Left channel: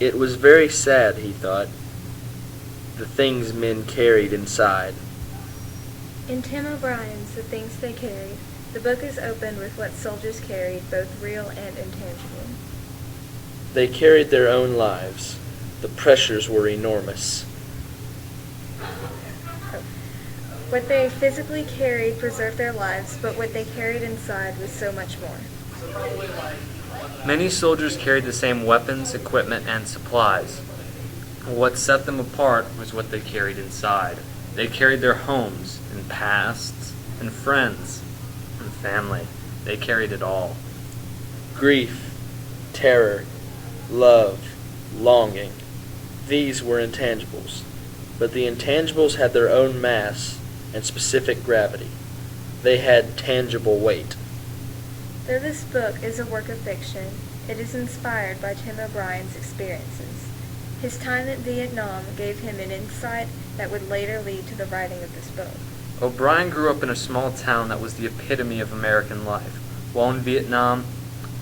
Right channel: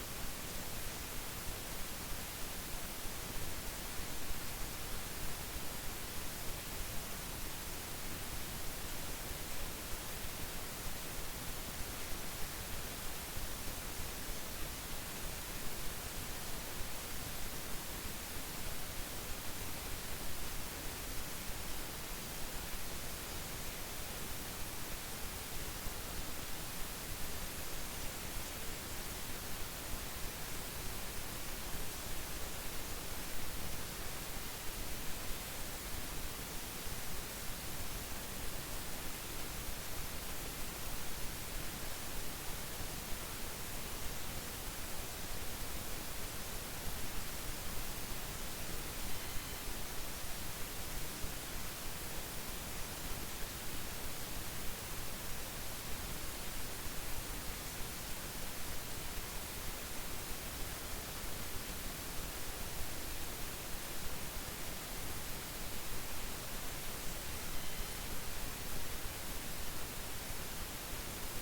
It was very sad, he thought, the things men carried inside. In Tim O'Brien's The Things They Carried, the book is opened with what soldiers carried, both real and intangible. They carried their own lives. The pressures were enormous. What they physically carried preserved their lives, but what they carried inside was so much more. Many soldiers carried the same weapons, equipment, and supplies. What set them apart was what they carried inside. They carried their homes and pasts and friends and family. They carried it all. Grief, terror, love, longing. These were intangibles. But the intangibles had their own mass and specific gravity. They had tangible weight. Though this book is a work of fiction, it is inspired by Tim O'Brien's experiences. His time in Vietnam gave him an insight that would later lead to the writing of this book. O'Brien grew up in a small town that was the epitome of American life. While in Vietnam,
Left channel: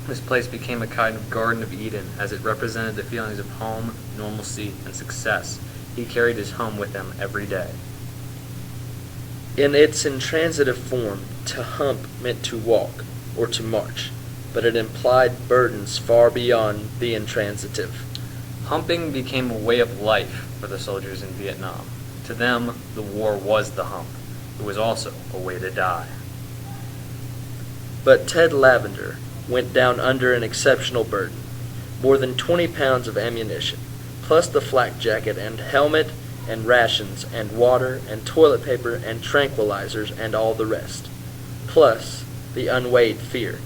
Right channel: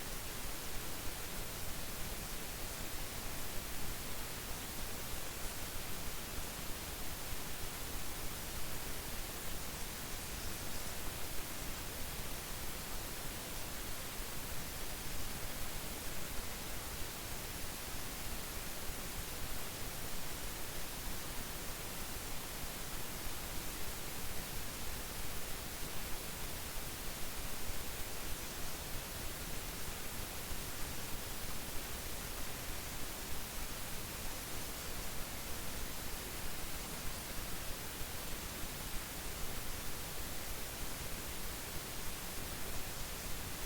this place became a kind of Garden of Eden, as it represented the feelings of home, normalcy, and success. He carried his home with him every day. In its intransitive form, to hump meant to walk or to march, but it implied burdens far beyond the intransitive. Humping became a way of life for the soldiers in Vietnam. To them, the war was the hump. It was also a way to die. But Ted Lavender went down under an exceptional burden. More than 20 pounds of ammunition, plus the flak jacket and helmet and rations and water and toilet paper and tranquilizers and all the rest. Plus the unweighed fear.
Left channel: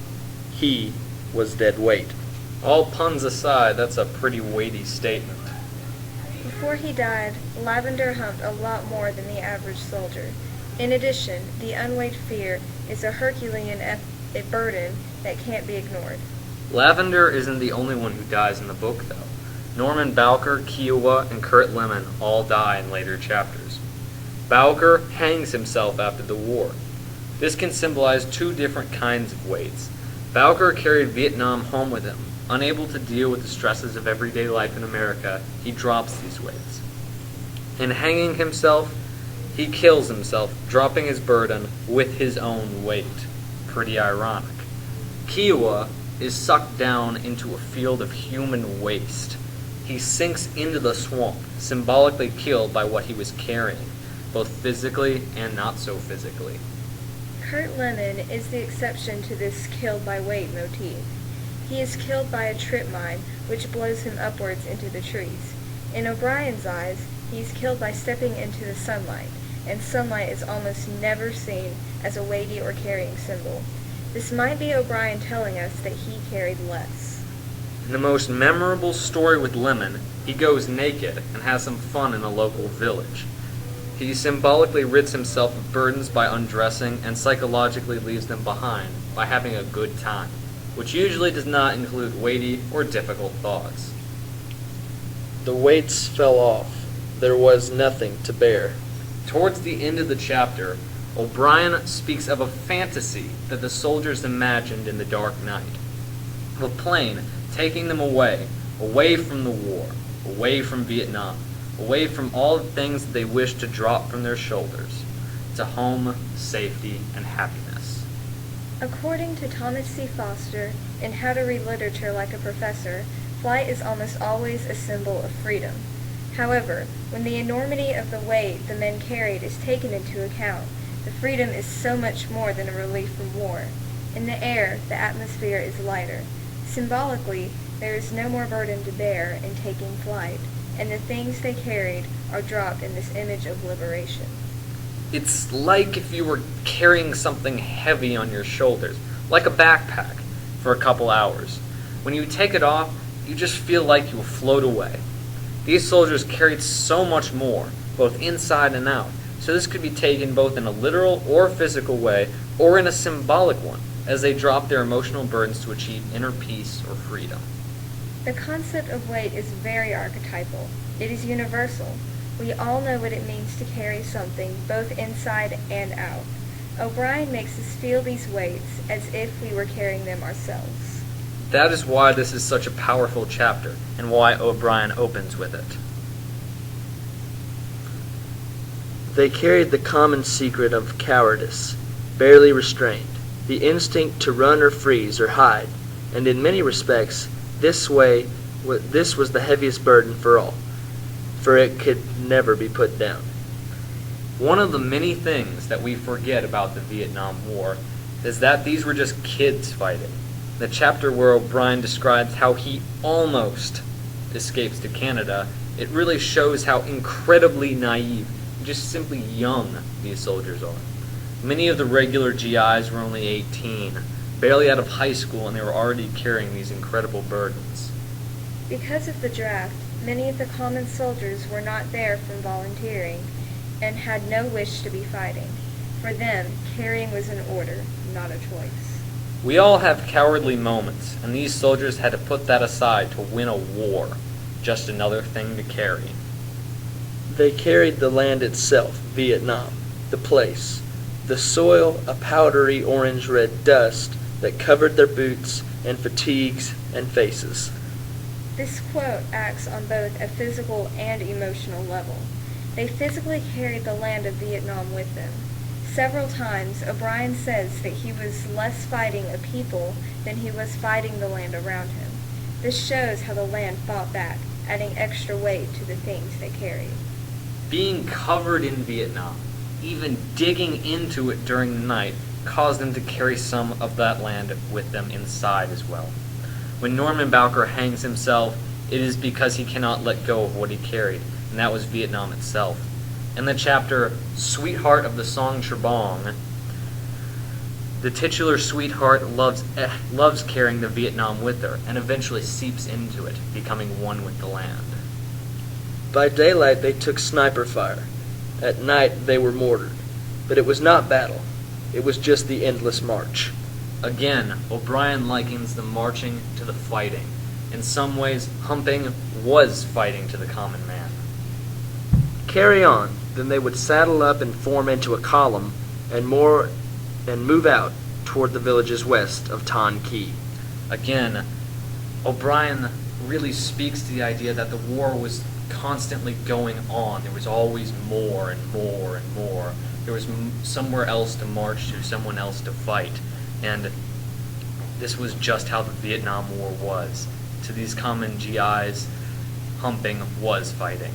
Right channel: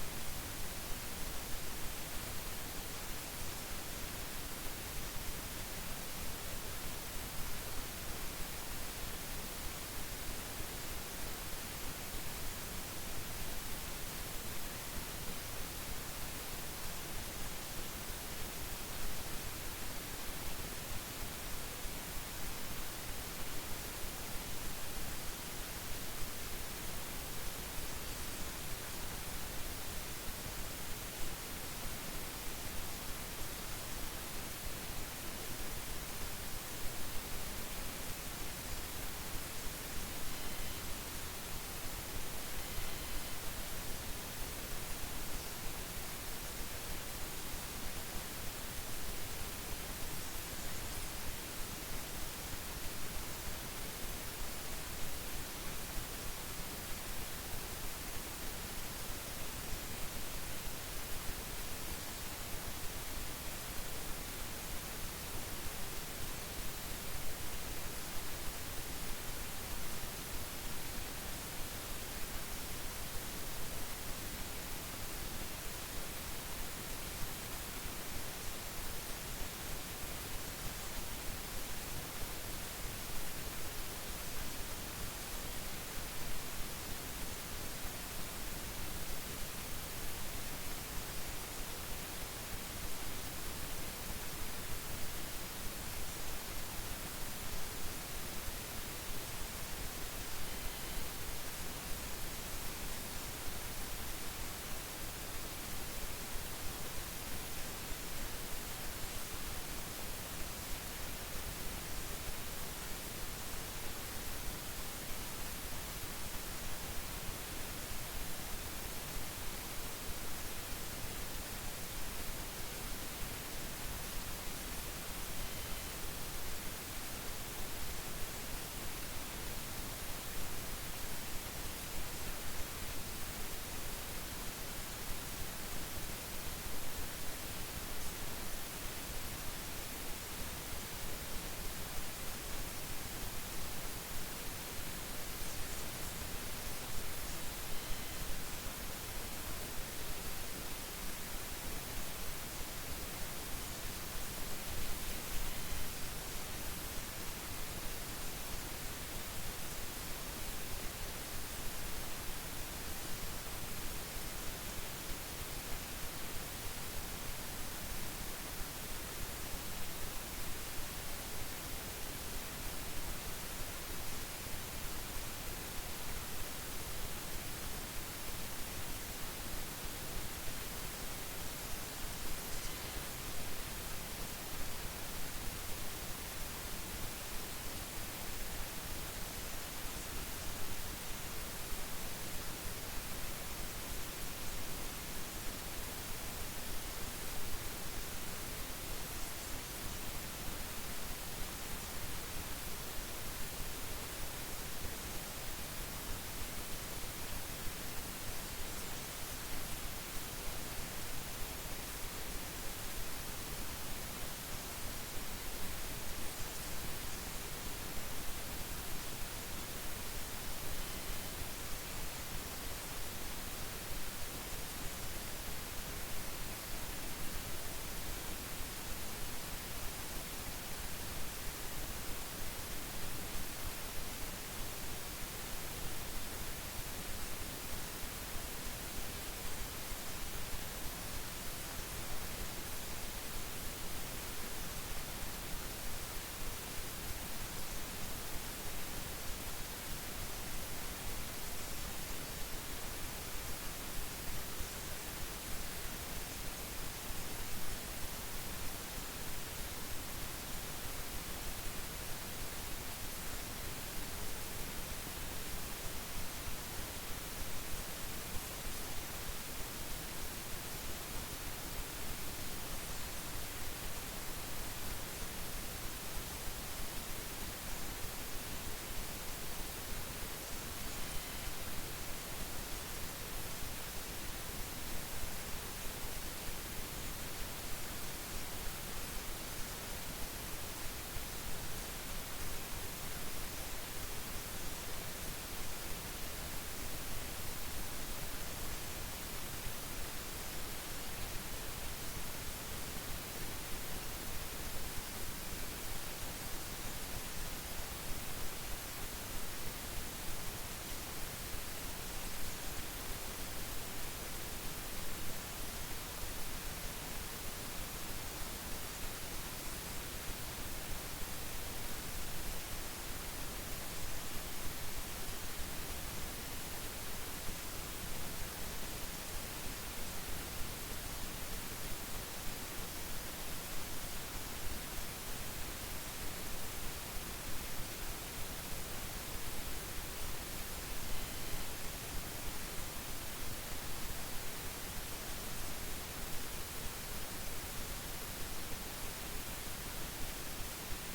He was dead weight. All puns aside, that's a pretty weighty statement. Before he died, Lavender humped a lot more than the average soldier. In addition, the unweighed fear is a Herculean burden that can't be ignored. Lavender isn't the only one who dies in the book, though. Norman Bowker, Kiowa, and Curt Lemon all die in later chapters. Bowker hangs himself after the war. This can symbolize two different kinds of weights. Bowker carried Vietnam home with him. Unable to deal with the stresses of everyday life in America, he drops these weights. In hanging himself, he kills himself, dropping his burden with his own weight. Pretty ironic. Kiowa is sucked down into a field of human waste. He sinks into the swamp, symbolically killed by what he was carrying, both physically and not so physically. Curt Lemon is the exception to this killed by weight motif. He is killed by a trip mine, which blows him upwards into the trees. In O'Brien's eyes, he is killed by stepping into the sunlight, and sunlight is almost never seen as a weighty or carrying symbol. This might be O'Brien telling us that he carried less. In the most memorable story with Lemon, he goes naked and has some fun in a local village. He symbolically rids himself of burdens by undressing and psychologically leaves them behind by having a good time, which usually does not include weighty or difficult thoughts. The weights fell off. There was nothing to bear. Towards the end of the chapter, O'Brien speaks of a fantasy that the soldiers imagined in the dark night. Of a plane taking them away from the war, away from Vietnam, away from all the things that they wished to drop from their shoulders, to home, safety, and happiness. According to Thomas C. Foster, in How to Read Literature Like a Professor, flight is almost always a symbol of freedom. However, when the enormity of the weight the men carried is taken into account, the freedom is so much more than a relief from war. In the air, the atmosphere is lighter. Symbolically, there is no more burden to bear in taking flight, and the things they carried are dropped in this image of liberation. It's like if you were carrying something heavy on your shoulders, like a backpack, for a couple hours. When you take it off, you just feel like you will float away. These soldiers carried so much more, both inside and out, so this could be taken both in a literal or physical way, or in a symbolic one, as they dropped their emotional burdens to achieve inner peace or freedom. The concept of weight is very archetypal. It is universal. We all know what it means to carry something both inside and out. O'Brien makes us feel these weights as if we were carrying them ourselves. That is why this is such a powerful chapter, and why O'Brien opens with it. They carried the common secret of cowardice, barely restrained, the instinct to run or freeze or hide, and in many respects, this was the heaviest burden for all, for it could never be put down. One of the many things that we forget about the Vietnam War is that these were just kids fighting. The chapter where O'Brien describes how he almost escapes to Canada, it really shows how incredibly naive, just simply young these soldiers are. Many of the regular GIs were only 18, barely out of high school, and they were already carrying these incredible burdens. Because of the draft, many of the common soldiers were not there from volunteering and had no wish to be fighting. For them, carrying was an order, not a choice. We all have cowardly moments, and these soldiers had to put that aside to win a war. Just another thing to carry. They carried the land itself, Vietnam, the place, the soil, a powdery orange-red dust that covered their boots and fatigues and faces. This quote acts on both a physical and emotional level. They physically carried the land of Vietnam with them. Several times, O'Brien says that he was less fighting a people than he was fighting the land around him. This shows how the land fought back, adding extra weight to the things they carried. Being covered in Vietnam, even digging into it during the night, caused them to carry some of that land with them inside as well. When Norman Bowker hangs himself, it is because he cannot let go of what he carried, and that was Vietnam itself. In the chapter Sweetheart of the Song Trebong, the titular sweetheart loves carrying the Vietnam with her, and eventually seeps into it, becoming one with the land. By daylight they took sniper fire. At night they were mortared. But it was not battle. It was just the endless march. Again, O'Brien likens the marching to the fighting. In some ways, humping was fighting to the common man. Carry on, then they would saddle up and form into a column and move out toward the villages west of Ton Key. Again, O'Brien really speaks to the idea that the war was constantly going on. There was always more and more and more. There was somewhere else to march to, someone else to fight. And this was just how the Vietnam War was. To these common GIs, humping was fighting.